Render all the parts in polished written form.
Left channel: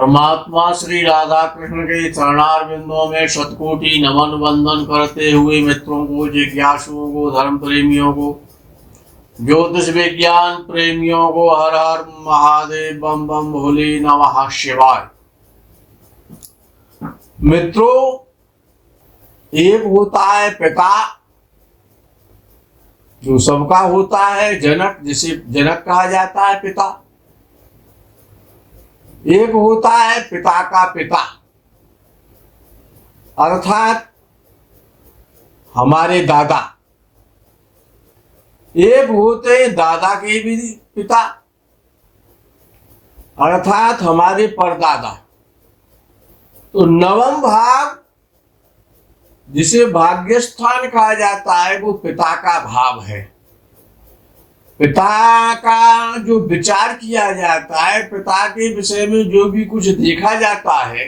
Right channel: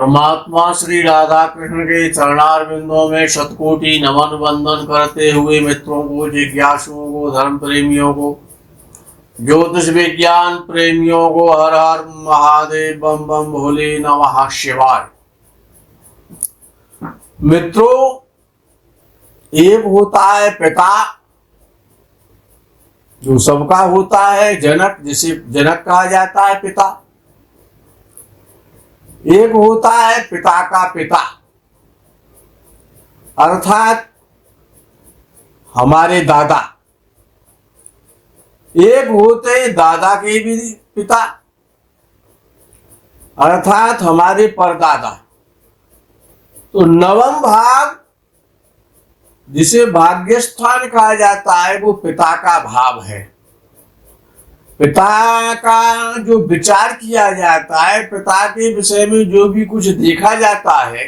परमात्मा श्री राधा कृष्ण के चरणारविंदों में शतकोटि नमन वंदन करते हुए मित्रों को, जिज्ञासुओं को, धर्म प्रेमियों को, ज्योतिष विज्ञान प्रेमियों को हर हर महादेव, बम बम भोले नमः शिवाय। मित्रों, एक होता है पिता जो सबका होता है, जनक, जिसे जनक कहा जाता है पिता। एक होता है पिता का पिता अर्थात हमारे दादा। एक होते हैं दादा के भी पिता अर्थात हमारे परदादा। तो नवम भाव जिसे भाग्यस्थान कहा जाता है वो पिता का भाव है। पिता का जो विचार किया जाता है, पिता के विषय में जो भी कुछ देखा जाता है,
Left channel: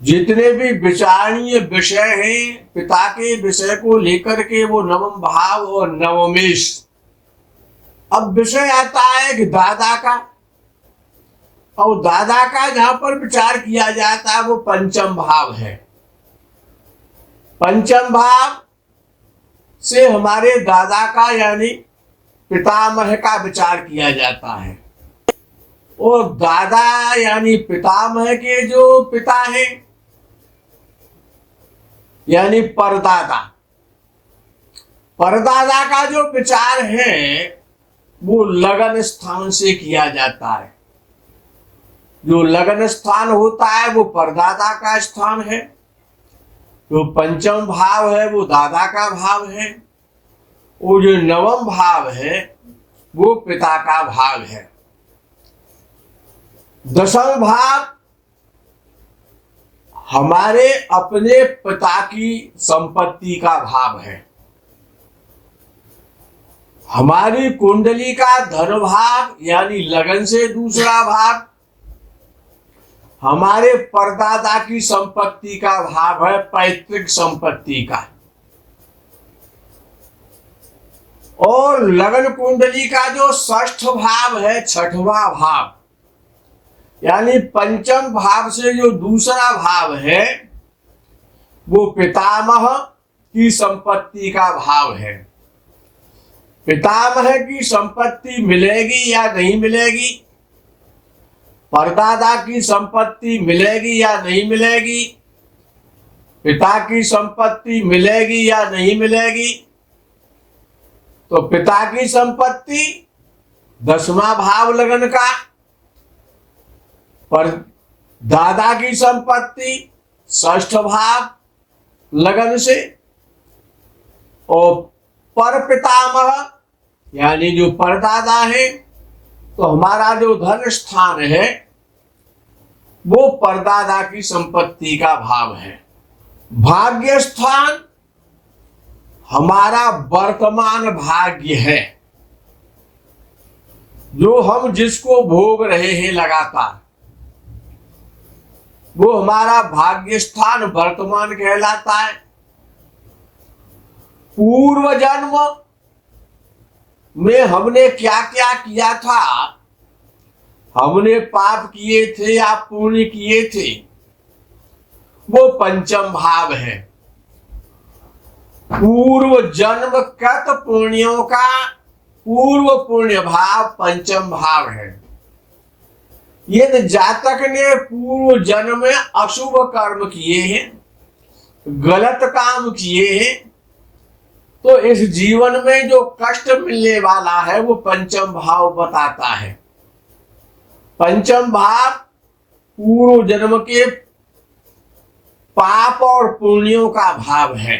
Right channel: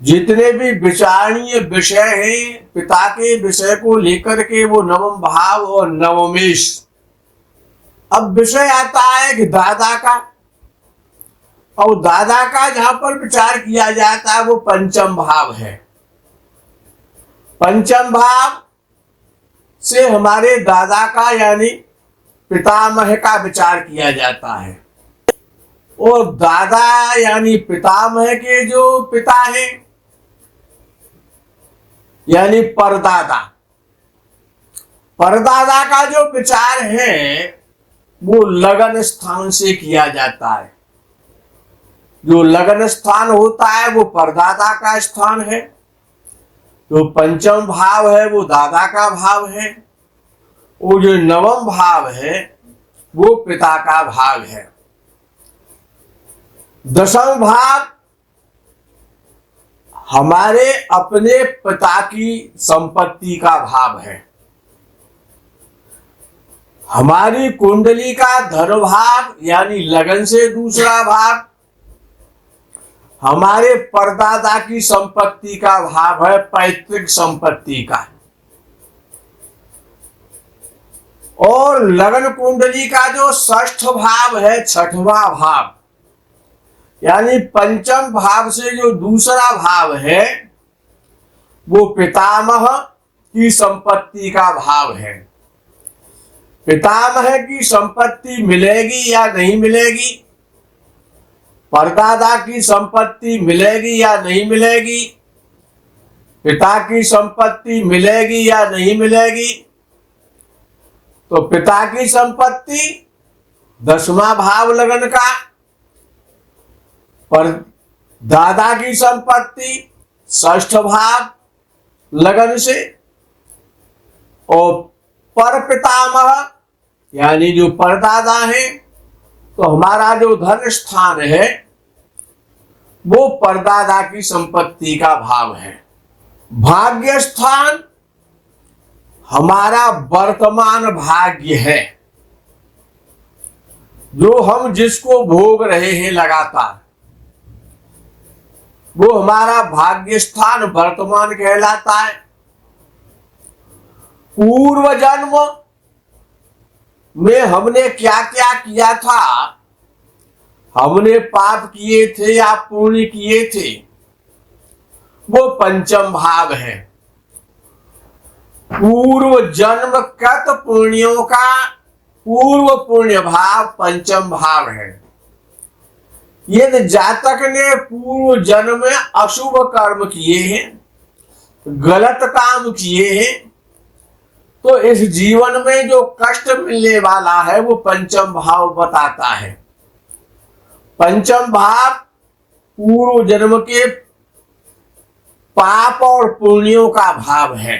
जितने भी विचारणीय विषय हैं पिता के विषय को लेकर के, वो नवम भाव और नवमेश। अब विषय आता है कि दादा का, और दादा का जहां पर विचार किया जाता है वो पंचम भाव है। पंचम भाव से हमारे दादा का यानी पितामह का विचार किया जाता है। और दादा यानी पितामह के जो पिता हैं यानी परदादा, परदादा का जो विचार है वो लगन स्थान से किया जाता है। जो लगन स्थान होता है वो परदादा का स्थान है। जो पंचम भाव है वो दादा का भाव है। और जो नवम भाव है वो पिता का भाव है। दसम भाव हमारे अपने पिता की संपत्ति का भाव है। हमारी कुंडली का धन भाव यानी लगन से दूसरा भाव हमारे परदादा की संपत्ति का भाव है, पैतृक संपत्ति का। और लगन कुंडली का जो षष्ठ भाव है, छठवां भाव यानी पंचम भाव से जो दूसरा भाव है वो पितामह की संपत्ति का भाव है। पितामह की संपत्ति मिलेगी या नहीं मिलेगी, परदादा की संपत्ति मिलेगी या नहीं मिलेगी, पिता की संपत्ति मिलेगी या नहीं मिलेगी। तो पिता की संपत्ति दसवां भाव लगन का, पर दादा की संपत्ति षष्ठ भाव लगन से, और पर पितामह यानी जो परदादा है तो हमारा जो धन स्थान है वो परदादा की संपत्ति का भाव है। भाग्य स्थान हमारा वर्तमान भाग्य है, जो हम जिसको भोग रहे हैं लगातार, वो हमारा भाग्य स्थान वर्तमान कहलाता है। पूर्व जन्म में हमने क्या क्या किया था, हमने पाप किए थे या पुण्य किए थे, वो पंचम भाव है। पूर्व जन्म कृत पुण्यों का पूर्व पुण्य भाव पंचम भाव है। यदि जातक ने पूर्व जन्म में अशुभ कर्म किए हैं, गलत काम किए हैं, तो इस जीवन में जो कष्ट मिलने वाला है वो पंचम भाव बताता है। पंचम भाव पूर्व जन्म के पाप और पुण्यों का भाव है।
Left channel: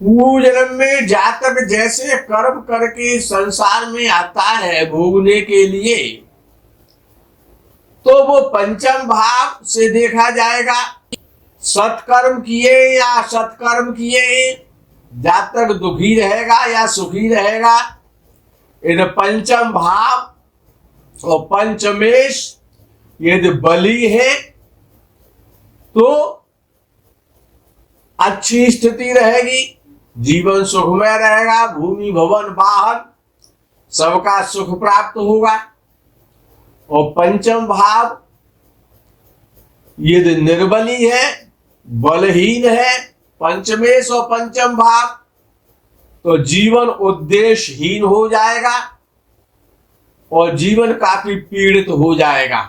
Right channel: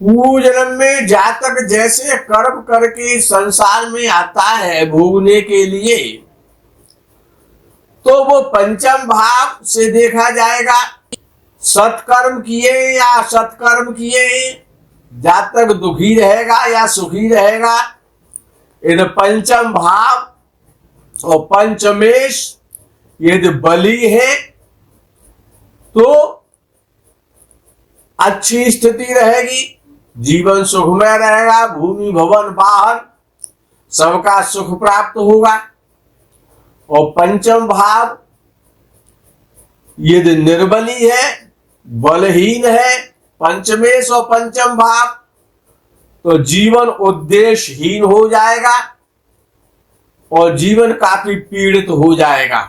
पूर्व जन्म में जातक जैसे कर्म करके संसार में आता है भोगने के लिए, तो वो पंचम भाव से देखा जाएगा। सत्कर्म किए या सत्कर्म किए, जातक दुखी रहेगा या सुखी रहेगा। यदि पंचम भाव और पंचमेश यदि बली है तो अच्छी स्थिति रहेगी, जीवन सुखमय रहेगा, भूमि भवन वाहन सबका सुख प्राप्त होगा। और पंचम भाव यदि निर्बली है, बलहीन है, पंचमेश और पंचम भाव, तो जीवन उद्देश्यहीन हो जाएगा और जीवन काफी पीड़ित हो जाएगा।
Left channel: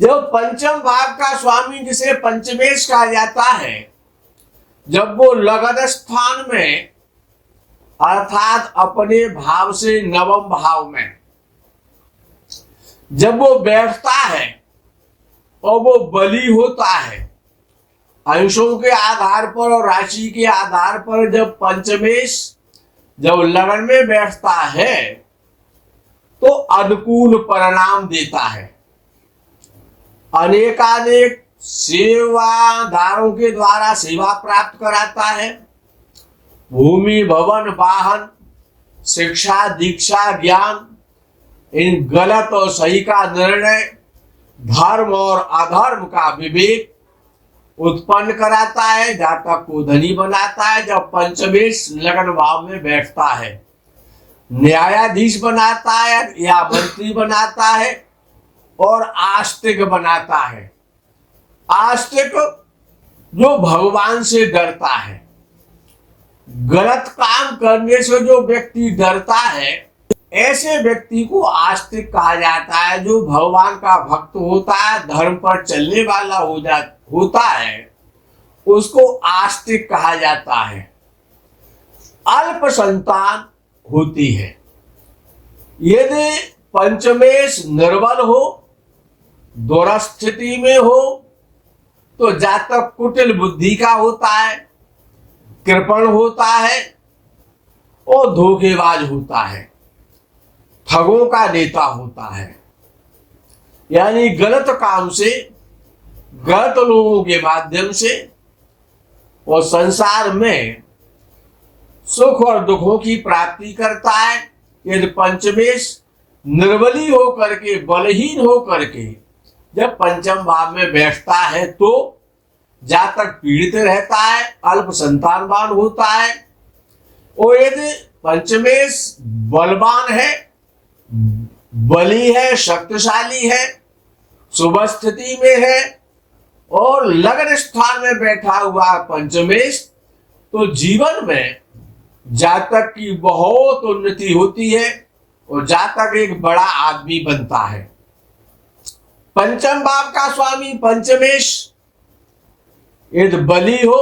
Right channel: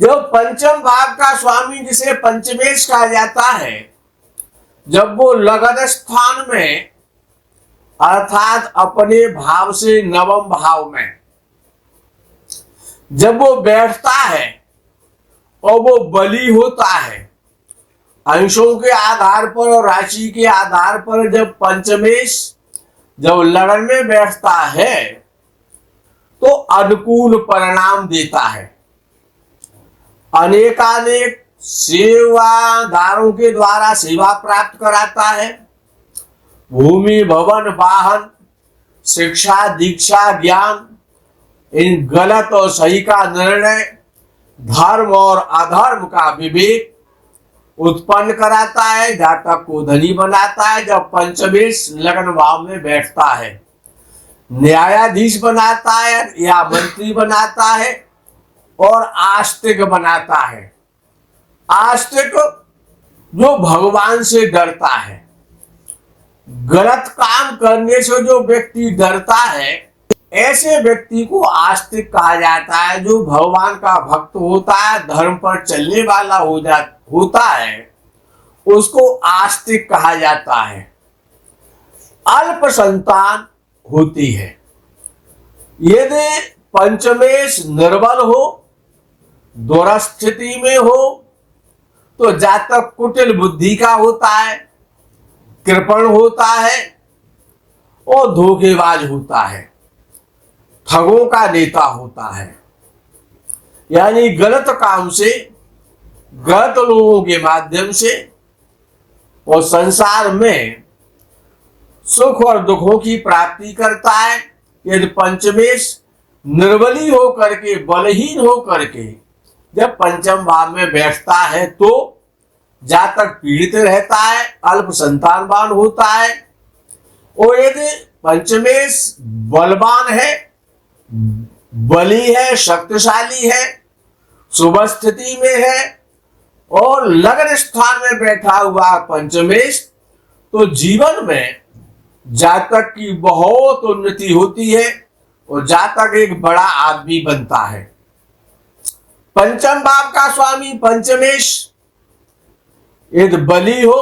जब पंचम भाव का स्वामी जिसे पंचमेश कहा जाता है, जब वो लगन स्थान में अर्थात अपने भाव से नवम भाव में जब वो बैठता है और वो बली होता है, अंशों के आधार पर और राशि के आधार पर जब पंचमेश जब लगन में बैठता है तो अनुकूल परिणाम देता है। अनेकानेक सेवादारों के द्वारा सेवा प्राप्त कराता है। भूमि, भवन, वाहन, शिक्षा, दीक्षा, ज्ञान, इन गलत और सही का निर्णय, धर्म और अधर्म का विवेक उत्पन्न कराता है। जातक को धनी बनाता है जब पंचमेश लगन भाव में बैठता है। न्यायाधीश बनाता है या मंत्री बनाता है और आस्तिक बनाता है। आस्तिक जो भगवान से डरता है। गलत काम करने से जो व्यक्ति डरता है, ऐसे व्यक्ति को आस्तिक कहा जाता है। जो भगवान का भक्त होता है, धर्म पर चलने वाला होता है, उसको आस्तिक कहा जाता है। अल्प संतान होती है। यदि पंचमेश निर्बल हो, दुरस्थिति में हो, तो जातक कुटिल बुद्धि का होता है, कृपण होता है और धोखेबाज होता है, ठगों का नेता होता है। यानी गलत काम से, गलत लोगों के माध्यम से और संसार में सुख और दुखों की प्राप्ति करता है। यदि पंचमेश निर्बली हो करके, बलहीन हो करके जब पंचम भाव में बैठता है तो जातक पीड़ित रहता है, अल्प संतानवान होता है। और यदि पंचमेश बलवान है, बली है, शक्तिशाली है, शुभ स्थिति में है और लगन स्थान में बैठा हुआ पंचमेश, तो जीवन में जातक की बहुत उन्नति होती है और जातक एक बड़ा आदमी बनता है। पंचम भाव का स्वामी पंचमेश यदि बली हो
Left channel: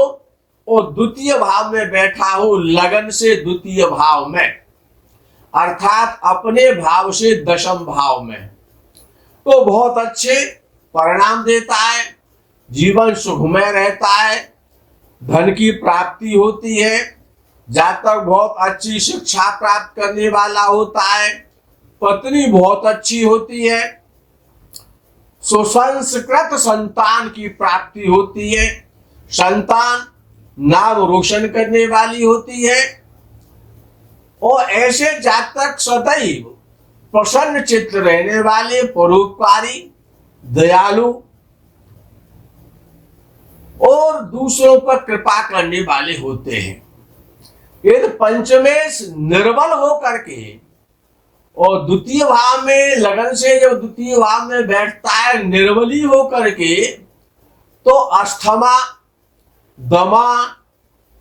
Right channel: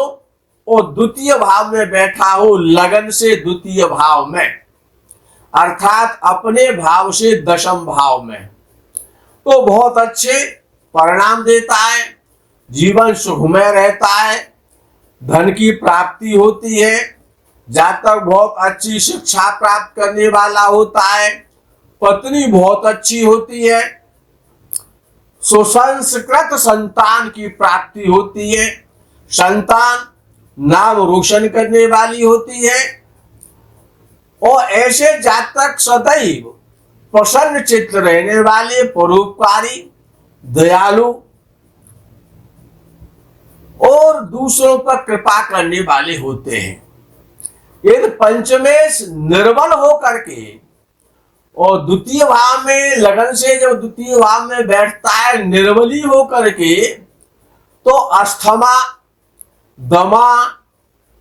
और द्वितीय भाव में बैठा हो, लगन से द्वितीय भाव में अर्थात अपने भाव से दशम भाव में, तो बहुत अच्छे परिणाम देता है। जीवन सुखमय रहता है, धन की प्राप्ति होती है, जातक बहुत अच्छी शिक्षा प्राप्त करने वाला होता है, पत्नी बहुत अच्छी होती है, सुसंस्कृत संतान की प्राप्ति होती है, संतान नाम रोशन करने वाली होती है और ऐसे जातक सदैव प्रसन्न चित्त रहने वाले, परोपकारी, दयालु और दूसरों पर कृपा करने वाले होते हैं। यदि पंचमेश निर्बल हो करके और द्वितीय भाव में लगन से जब द्वितीय भाव में बैठता है निर्बली हो करके, तो अस्थमा, दमा,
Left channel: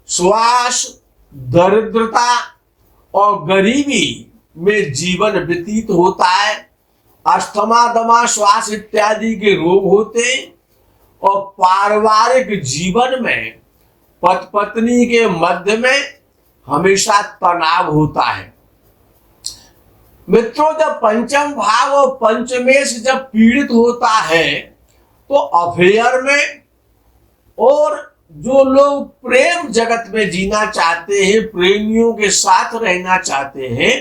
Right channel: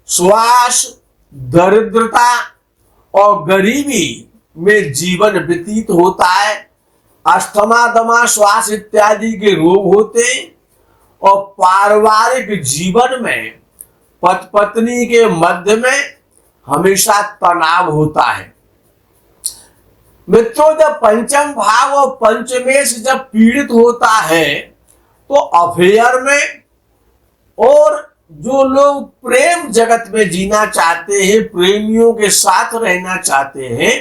श्वास, दरिद्रता और गरीबी में जीवन व्यतीत होता है। अस्थमा, दमा, श्वास इत्यादि के रोग होते और पारिवारिक जीवन में पति पत्नी के मध्य में हमेशा तनाव होता है। मित्रों, जब पंचम भाव और पंचमेश जब पीड़ित होता है तो अफेयर में और जो लोग प्रेम जगत में जीना चाहते हैं, प्रेमियों के साथ रहना चाहते हैं,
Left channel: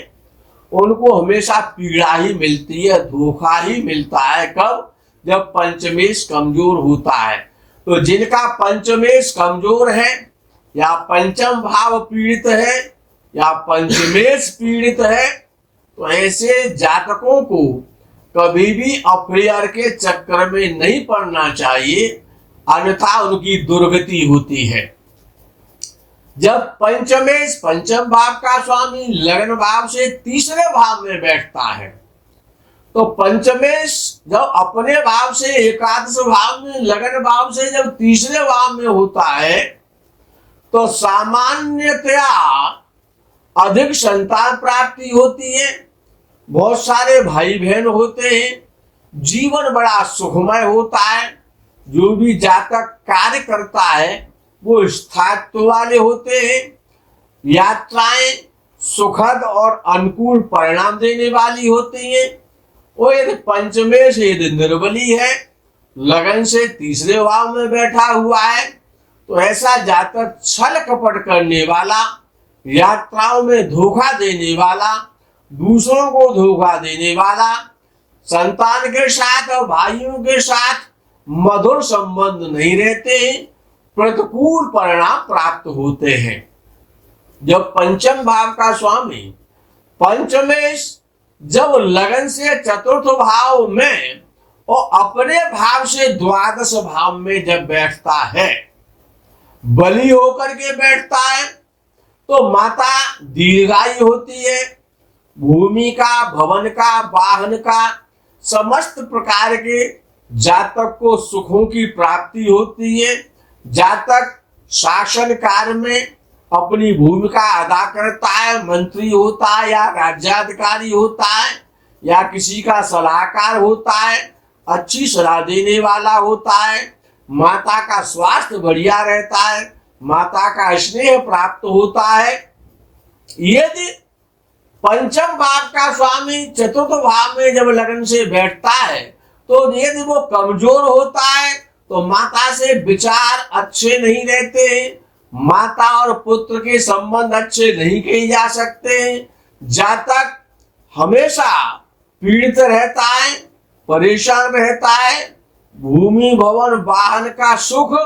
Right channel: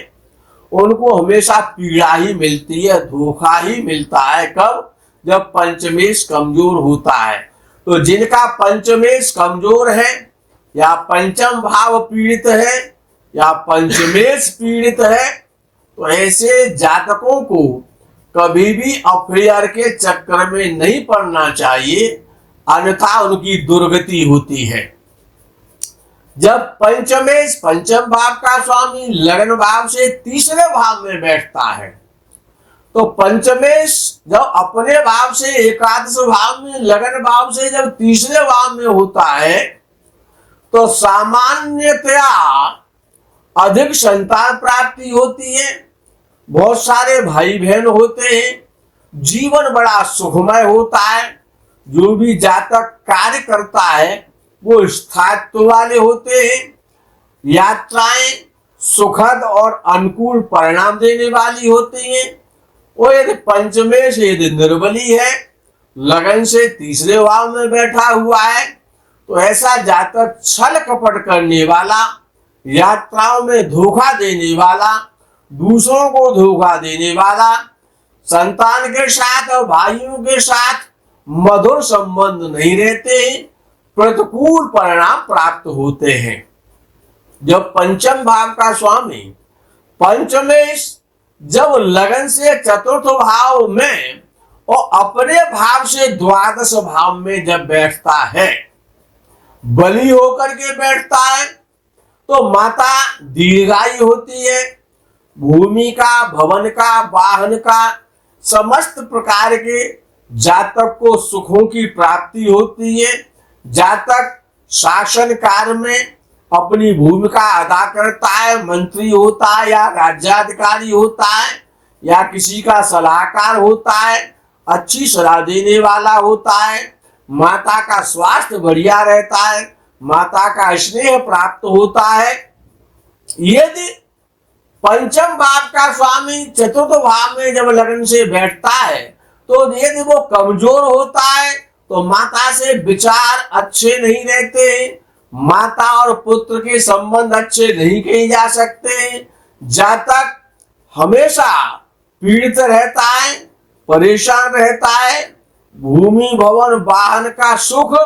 उनको हमेशा पीड़ा ही मिलती है, धोखा ही मिलता है। कब? जब पंचमेश कमजोर होता है। तो जिनका पंचमेश कमजोर है या पंचम भाव पीड़ित है या पंचमेश पीड़ित है, तो ऐसे जातकों को कभी भी अफेयर के चक्कर में नहीं पड़ना चाहिए, अन्यथा उनकी दुर्गति होती है। जब पंचमेश पंचम भाव का स्वामी लगन भाव से तीसरे भाव में बैठता है तो पंचमेश जब अपने भाव से एकादश भाव में, लगन भाव से जब तीसरे भाव में होता है तो सामान्यतया अधिक संतान प्राप्ति होती है, बहुत सारे भाई बहन होते हैं, जीवन बड़ा सुखमय होता है, जो भी जातक कार्य करता है वो स्थायित्व वाले होते हैं, यात्राएं सुखद और अनुकूल परिणाम देने वाली होती हैं। और यदि पंचमेश यदि निर्बली है, लगन से तीसरे भाव में बैठा हुआ है, तो ऐसा जातक छल कपट करने वाला, यात्राओं में धोखा देने वाला, दूसरों को धोखा देने वाला, संतान के साथ और भाइयों के साथ मधुर संबंध नहीं रहते, प्रतिकूल परिणाम प्राप्त होते हैं। जब पंचम भाव का स्वामी पंचमेश जब लगन से चतुर्थ भाव में और अपने भाव से द्वादश भाव में जब बैठता है, बली होकर के बैठता है, तो माता दीर्घायु होती है, भूमि का, भवन का, वाहन का, समस्त प्रकार के जातक को सुखों की प्राप्ति होती है। जातक शासन कार्य में अपनी भूमिका अदा करता है, मंत्री होता है या राज्याधिकारी होता है या किसी का सलाहकार होता है, अच्छी सलाह देने वाला होता है, माता का स्वास्थ्य बढ़िया रहता है, माता का स्नेह प्राप्त होता है। यदि पंचम भाव का स्वामी चतुर्थ भाव में जब लगन से बैठता है, तो यदि वो कमजोर होता है तो माता से विचार अच्छे नहीं रहते, माता और पुत्र के संबंध अच्छे नहीं किए जा सकते, जातक हमेशा पीड़ित रहता है, परेशान रहता है, भूमि भवन वाहन का सुख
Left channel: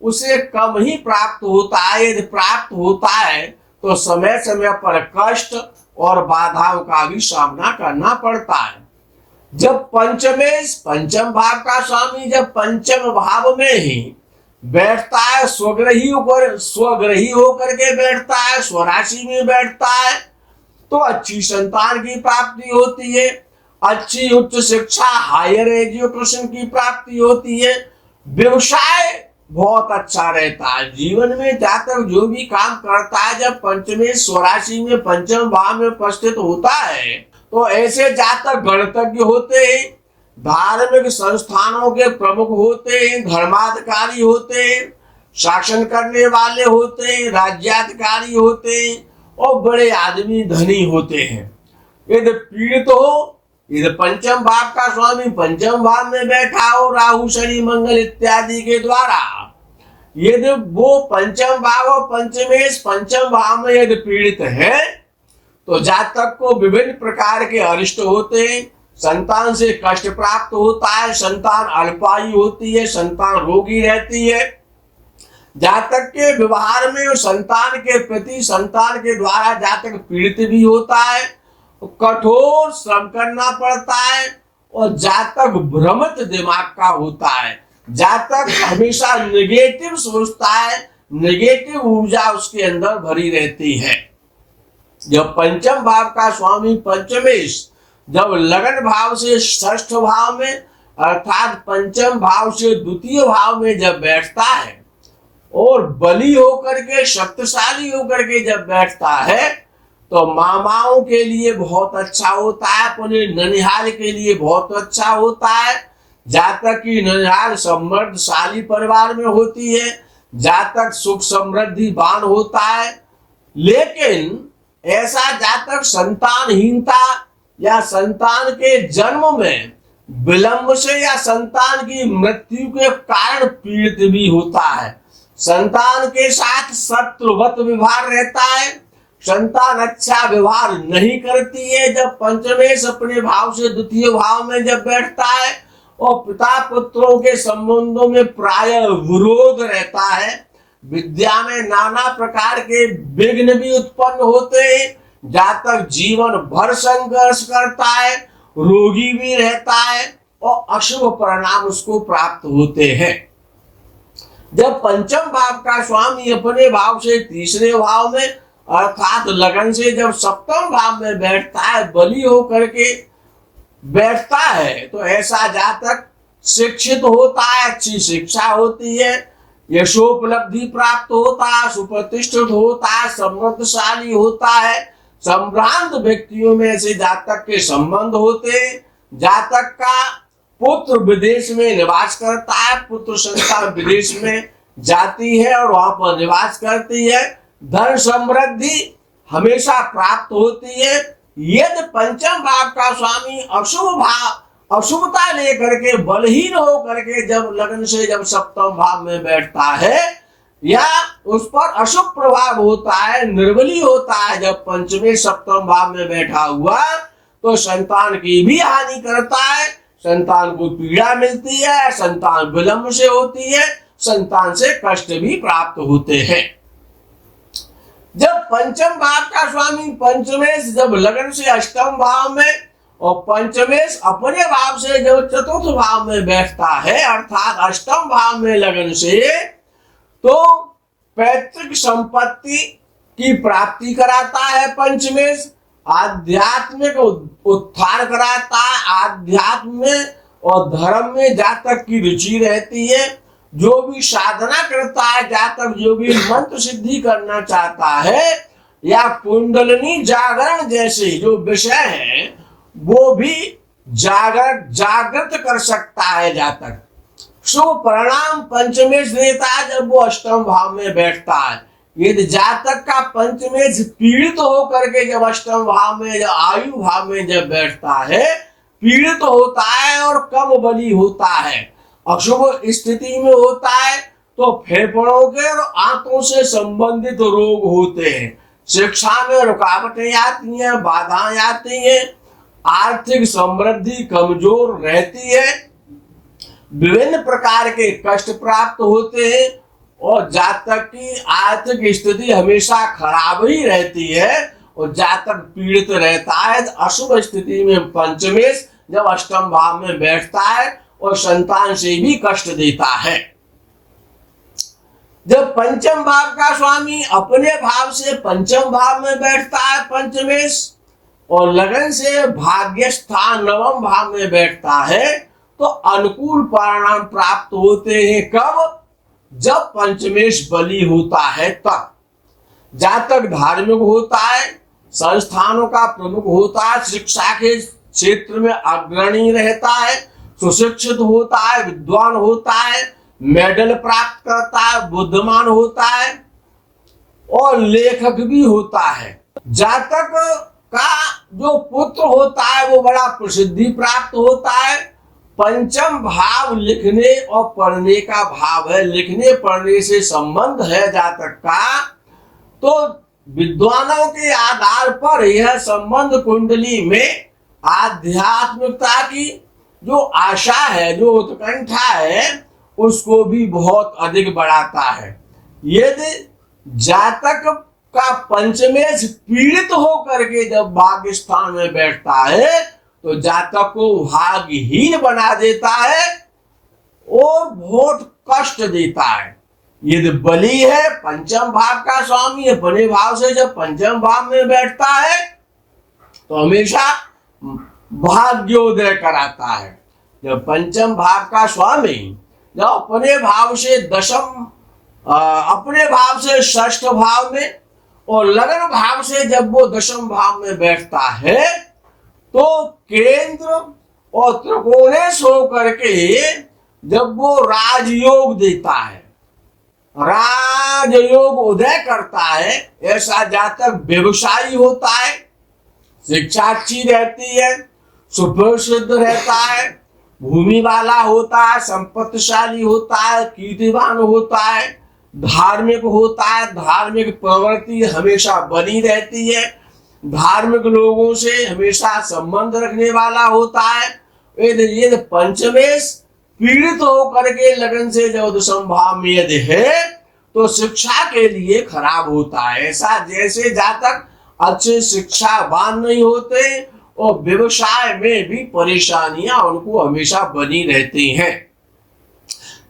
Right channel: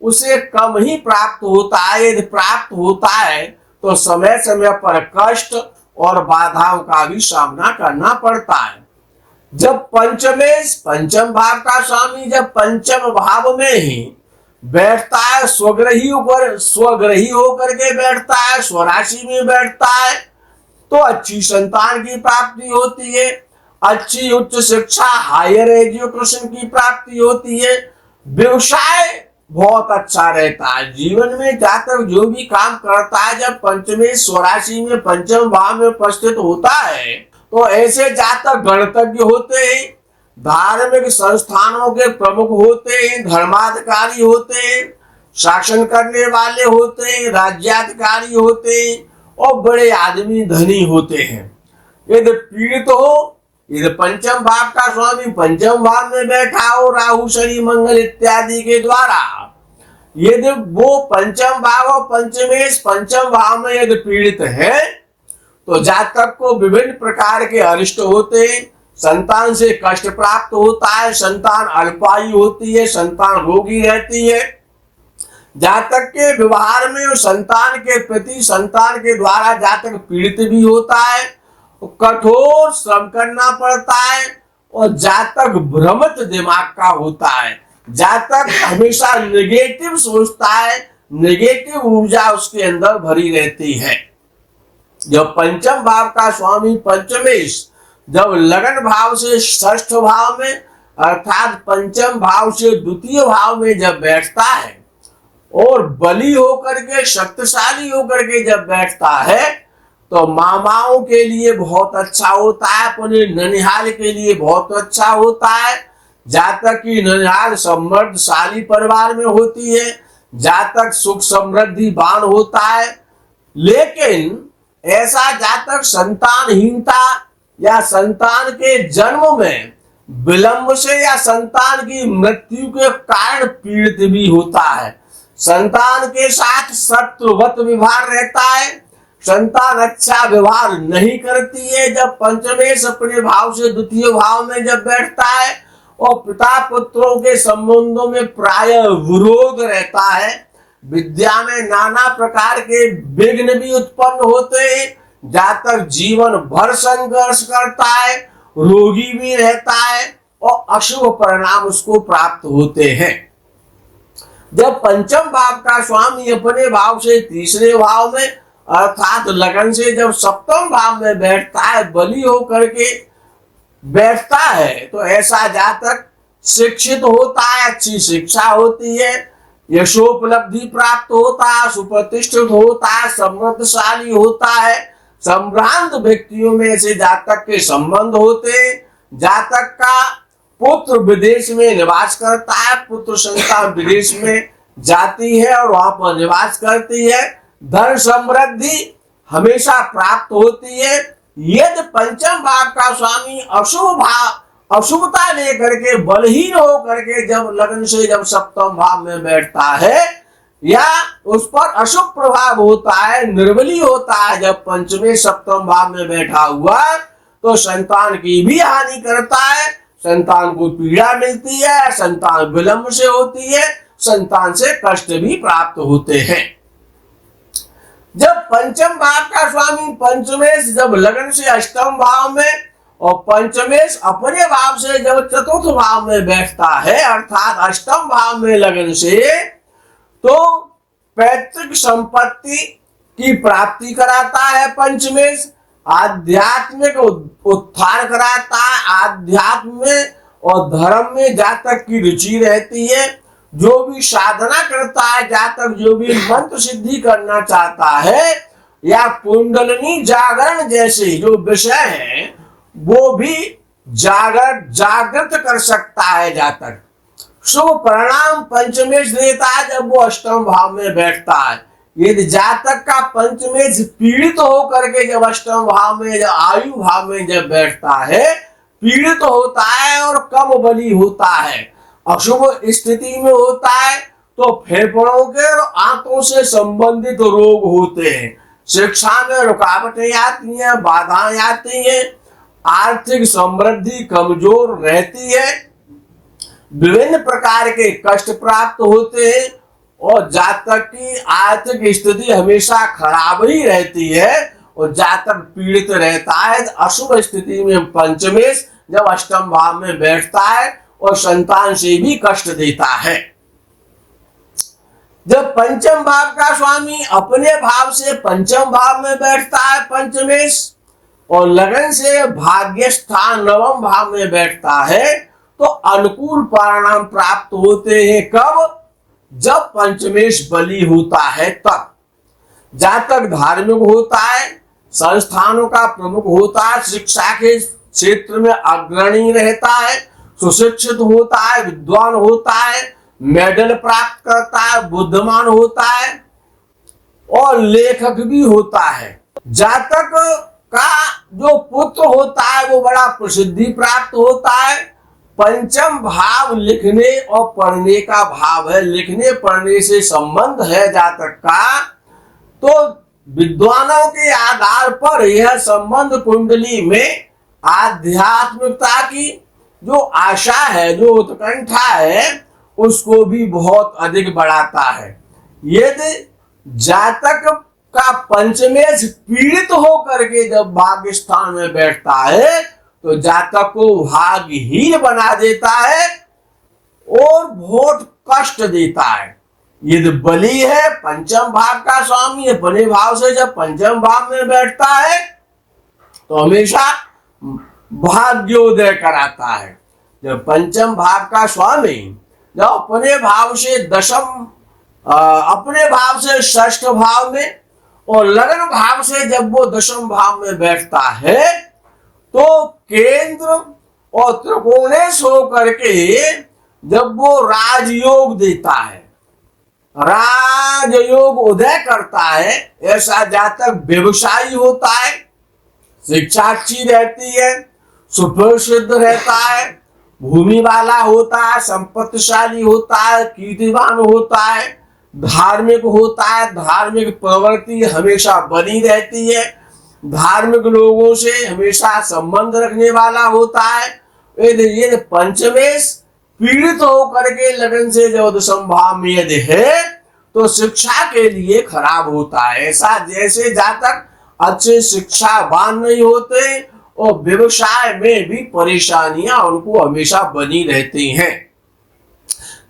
उसे कम ही प्राप्त होता है, यदि प्राप्त होता है तो समय समय पर कष्ट और बाधाओं का भी सामना करना पड़ता है। जब पंचमेश पंचम भाव का स्वामी जब पंचम भाव में ही बैठता है, स्वग्रही होकर के बैठता है, स्वराशि में बैठता है, तो अच्छी संतान की प्राप्ति होती है, अच्छी उच्च शिक्षा हायर एजुकेशन की प्राप्ति होती है, व्यवसाय बहुत अच्छा रहता है। जीवन में जातक जो भी काम करता है, जब पंचमेश स्वराशि में पंचम भाव में उपस्थित होता है, तो ऐसे जातक गणतज्ञ होते हैं, धार्मिक संस्थानों के प्रमुख होते हैं, धर्माधिकारी होते हैं, शासन करने वाले होते हैं, राज्याधिकारी होते हैं और बड़े आदमी धनी होते हैं। यदि पीड़ित हो, यदि पंचम भाव का स्वामी पंचम भाव में बैठा हो, राहु शनि मंगल इत्यादि के द्वारा, यदि वो पंचम भाव और पंचमेश पंचम भाव में यदि पीड़ित है, तो जातक को विभिन्न प्रकार के अरिष्ट होते हैं, संतान से कष्ट प्राप्त होता है, संतान अल्पायु होती है, संतान रोगी रहती है, जातक के व्यवहार में और संतान के प्रति संतान के द्वारा जातक पीड़ित भी होता है, कठोर श्रम करना पड़ता है और जातक भ्रमित दिमाग का होता है, जातक हमेशा नेगेटिव सोचता है, नेगेटिव ऊर्जा उसके अंदर भरी रहती है। जब पंचम भाव का स्वामी पंचमेश जब लगन भाव से षष्ठ भाव में अर्थात पंचम भाव से द्वितीय भाव में जब बैठता है और बली होकर के शक्तिशाली होकर के जब बैठता है, तो मामाओं के लिए बहुत अच्छा होता है, अपने ननिहाल के लिए बहुत अच्छा होता है। जातक की ननिहाल समृद्धशाली परिवार में होती है, जातक सुख समृद्धिवान होता है। लेकिन ऐसा जातक संतानहीनता या संतान के जन्म में विलंब से या संतान की मृत्यु के कारण पीड़ित भी होता है, संतान के साथ शत्रुवत व्यवहार रहता है, संतान अच्छा व्यवहार नहीं करती है। जब पंचमेश अपने भाव से द्वितीय भाव में जब बैठता है और पिता पुत्रों के संबंधों में प्राय विरोध रहता है, विद्या में नाना प्रकार के विघ्न भी उत्पन्न होते हैं, जातक जीवन भर संघर्ष करता है, रोगी भी रहता है और अशुभ परिणाम उसको प्राप्त होते हैं। जब पंचम भाव का स्वामी अपने भाव से तीसरे भाव में अर्थात लगन से जब सप्तम भाव में बैठता है, बली होकर के बैठता है तो ऐसा जातक शिक्षित होता है, अच्छी शिक्षा होती है, यशोपलब्धि प्राप्त होता है, सुप्रतिष्ठित होता है, समृद्धशाली होता है, संभ्रांत व्यक्तियों में से जातक के संबंध होते हैं। जातक का पुत्र विदेश में निवास करता है, पुत्र संतान विदेश में जाती है और वहां पर निवास करती है, धन समृद्धि हमेशा प्राप्त होती है। यदि पंचम भाव का स्वामी अशुभता लेकर के बलहीन होकर के जब लगन से जब सप्तम भाव में बैठता है या उस पर अशुभ प्रभाव होता है, निर्बली होता है, जब पंचमे सप्तम भाव में बैठा हुआ तो संतान की भी हानि करता है, संतान को पीड़ा मिलती है, संतान विलंब से होती है, संतान से कष्ट भी प्राप्त होते हैं। जब पंचम भाव का स्वामी पंचमेश जब लगन से अष्टम भाव में और पंचमेश अपने भाव से जब चतुर्थ भाव में बैठता है अर्थात अष्टम भाव में लगन से, तो पैतृक संपत्ति की प्राप्ति कराता है पंचमेश, आध्यात्मिक उत्थान कराता है, आध्यात्म में और धर्म में जातक की रुचि रहती है। जो भी साधना करता है जातक, जो भी मंत्र सिद्धि करना चाहता है या कुंडलिनी जागरण जैसे जो विषय है वो भी जागृत कर सकता है जातक। शुभ परिणाम पंचमेश देता है जब वो अष्टम भाव में बैठता है। यदि जातक का पंचमेश पीड़ित होकर के जब अष्टम भाव में जब आयु भाव में जब बैठता है, पीड़ित होता है और कम बली होता है, अशुभ स्थिति में होता है, तो फेफड़ों के और आंतों से संबंधित रोग होते हैं, शिक्षा में रुकावटें आती हैं, बाधाएं आती हैं, आर्थिक समृद्धि कमजोर रहती है, विभिन्न प्रकार के कष्ट प्राप्त होते हैं और जातक की आर्थिक स्थिति हमेशा खराब ही रहती है और जातक पीड़ित रहता है। अशुभ स्थिति में पंचमेश जब अष्टम भाव में बैठता है और संतान से भी कष्ट देता है। जब पंचम भाव का स्वामी अपने भाव से पंचम भाव में बैठता है पंचमेश और लगन से भाग्य स्थान नवम भाव में बैठता है तो अनुकूल परिणाम प्राप्त होते हैं। कब? जब पंचमेश बली होता है तब। जातक धार्मिक होता है, संस्थानों का प्रमुख होता है, शिक्षा के क्षेत्र में अग्रणी रहता है, सुशिक्षित होता है, विद्वान होता है, मेडल प्राप्त करता है, बुद्धिमान होता है और लेखक भी होता है। जातक का जो पुत्र होता है वो बड़ा प्रसिद्धि प्राप्त होता है। पंचम भाव लिखने और पढ़ने का भाव है, लिखने पढ़ने से संबंध है जातक का, तो विद्वानों के आधार पर यह संबंध कुंडली में आध्यात्मिकता की जो आशा है, जो उत्कंठा है, उसको भी बहुत अधिक बढ़ाता है। यदि जातक का पंचमेश पीड़ित होकर के जब भाग्य स्थान में बैठता है तो जातक को भाग्यहीन बना देता है और बहुत कष्ट देता है। यदि बली है पंचम भाव का स्वामी अपने भाव से जब पंचम भाव में बैठता है तो हमेशा भाग्योदय कराता है। जब पंचम भाव का स्वामी जब अपने भाव से अपने भाव से षष्ठ भाव में और लगन भाव से जब वो दशम भाव में बैठता है तो केंद्र और त्रिकोणेश होकर के जब वो राजयोग देता है, राजयोग उदय करता है, ऐसा जातक व्यवसायी होता है, शिक्षा अच्छी रहती है, सुप्रसिद्ध रहता है, भूमि वाला होता है, संपत्तिशाली होता है, कीर्तिवान होता है, धार्मिक होता है, धार्मिक प्रवृत्ति हमेशा बनी रहती है, धार्मिक लोगों से हमेशा संबंध रखने वाला होता है। यदि पंचमेश पीड़ित होकर के लगन से जब दशम भाव में यदि है तो शिक्षा के लिए खराब होता है। ऐसा जैसे जातक अच्छे शिक्षावान नहीं होते और व्यवसाय में भी परेशानियां उनको हमेशा बनी रहती हैं।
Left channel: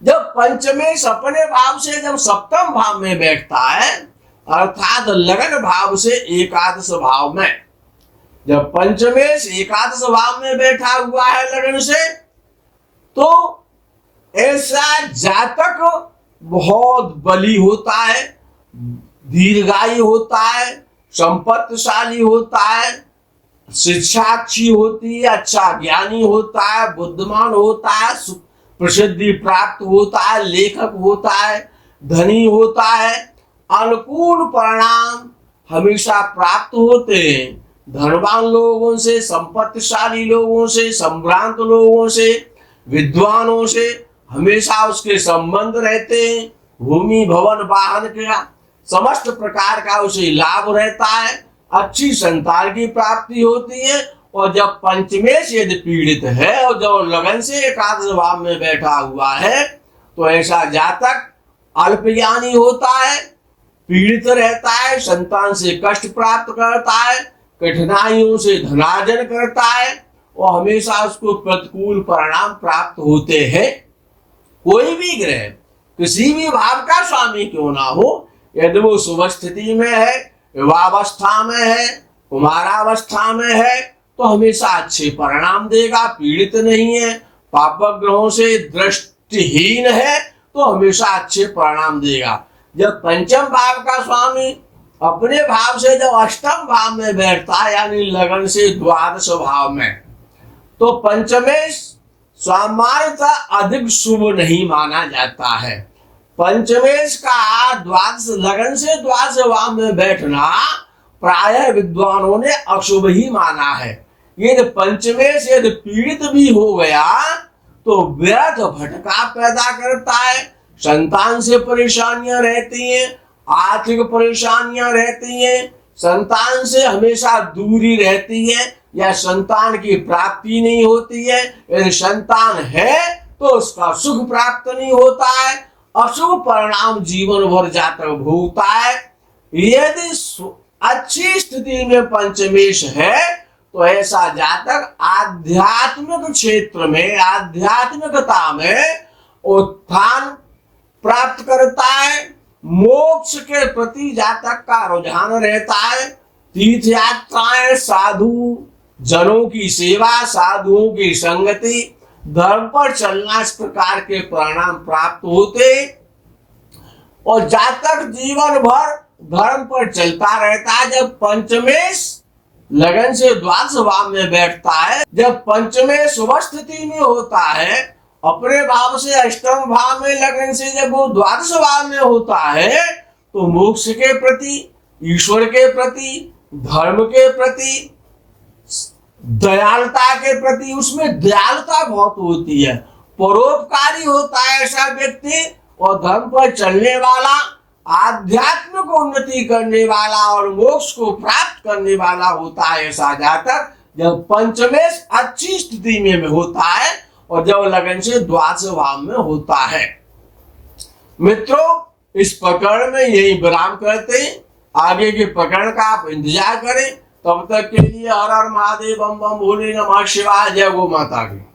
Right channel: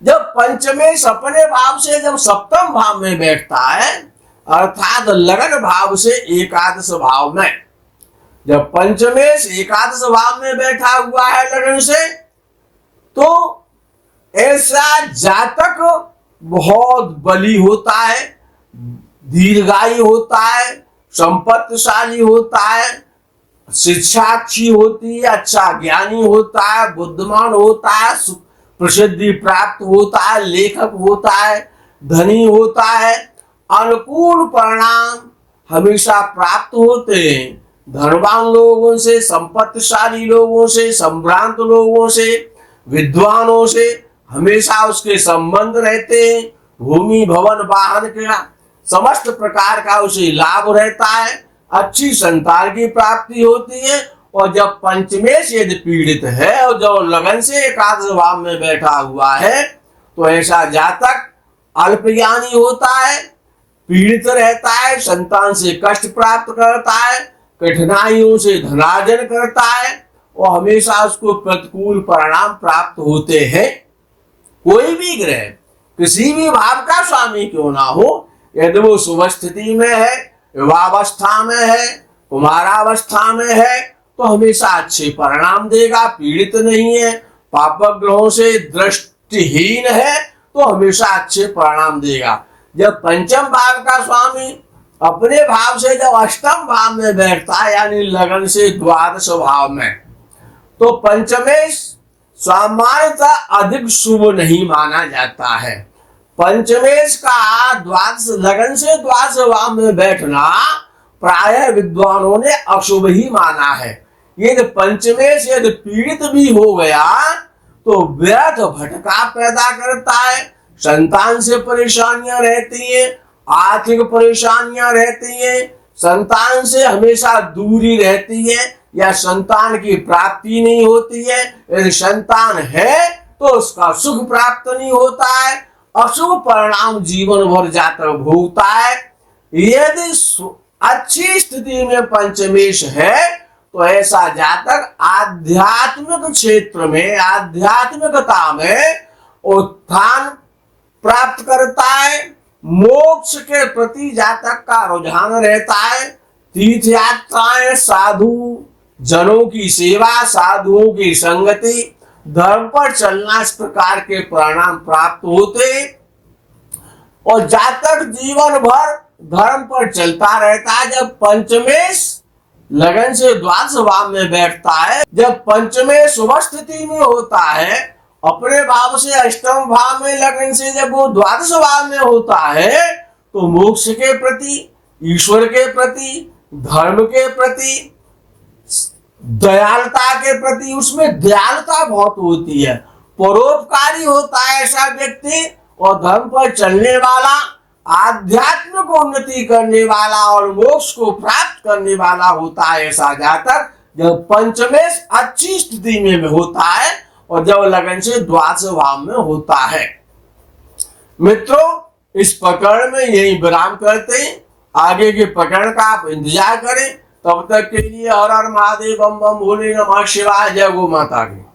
जब पंचमेश अपने भाव से जब सप्तम भाव में बैठता है अर्थात लगन भाव से एकादश भाव में, जब पंचमेश एकादश भाव में बैठा हुआ है लगन से, तो ऐसा जातक बहुत बली होता है, दीर्घायु होता है, संपत्तिशाली होता है, शिक्षा अच्छी होती है, अच्छा ज्ञानी होता है, बुद्धिमान होता है, प्रसिद्धि प्राप्त होता है, लेखक होता है, धनी होता है, अनुकूल परिणाम हमेशा प्राप्त होते हैं। धनवान लोगों से, संपत्तिशाली लोगों से, संभ्रांत लोगों से, विद्वानों से हमेशा उसके संबंध रहते हैं। भूमि भवन वाहन का समस्त प्रकार का उसे लाभ रहता है, अच्छी संतान की प्राप्ति होती है। और जब पंचमेश यदि पीड़ित है और जब लगन से एकादश भाव में बैठा हुआ है, तो ऐसा जातक अल्पज्ञानी होता है, पीड़ित रहता है, संतान से कष्ट प्राप्त करता है, कठिनाइयों से धनार्जन करता है और हमेशा उसको प्रतिकूल परिणाम प्राप्त होते हैं। कोई भी ग्रह किसी भी भाव का स्वामी क्यों ना हो, यदि वो शुभ स्थिति में है, विवाहावस्था में है, कुमारावस्था में है, तो हमेशा अच्छे परिणाम देगा, पीड़ित नहीं है। पापक ग्रहों से दृष्टिहीन है तो हमेशा अच्छे परिणाम देगा। जब पंचम भाव का स्वामी अपने भाव से जब अष्टम भाव में बैठता है, यानी लगन से द्वादश भाव में, तो पंचमेश सामान्यतः अधिक शुभ नहीं माना जाता है। पंचमेश का द्वादश लगन से द्वादश भाव में बैठना प्रायः विद्वानों ने अशुभ ही माना है। यदि पंचमेश यदि पीड़ित भी हो गया तो व्यर्थ भटका पैदा करता है, संतान से परेशानियां रहती हैं, आर्थिक परेशानियां रहती हैं, संतान से हमेशा दूरी रहती है या संतान की प्राप्ति नहीं होती है। यदि संतान है तो उसका सुख प्राप्त नहीं होता है, अशुभ परिणाम जीवन भर जातक भोगता है। यदि अच्छी स्थिति में पंचमेश है तो ऐसा जातक आध्यात्मिक क्षेत्र में, आध्यात्मिकता में उत्थान प्राप्त करता है। मोक्ष के प्रति जातक का रुझान रहता है। तीर्थ यात्राएं, साधु जनों की सेवा, साधुओं की संगति, धर्म पर चलना, इस प्रकार के परिणाम प्राप्त होते और जातक जीवन भर धर्म पर चलता रहता है। जब पंचमेश लगन से द्वादश भाव में बैठता है, जब पंचमेश शुभ स्थिति में होता है, अपने भाव से अष्टम भाव में लगन से जब वो द्वादश भाव में होता है, तो मोक्ष के प्रति, ईश्वर के प्रति, धर्म के प्रति, दयालुता के प्रति, उसमें दयालुता बहुत होती है, परोपकारी होता है ऐसा व्यक्ति, और धर्म पर चलने वाला, आध्यात्मिक उन्नति करने वाला और मोक्ष को प्राप्त करने वाला होता है ऐसा जातक, जब पंचमेश अच्छी स्थिति में होता है और जब लगन से द्वादश भाव में होता है। मित्रों, इस प्रकरण में यही विराम करते हैं। आगे के प्रकरण का आप इंतजार करें। तब तक के लिए हर हर महादेव, बम बम भोले, नमः शिवाय, जय गौ माता की।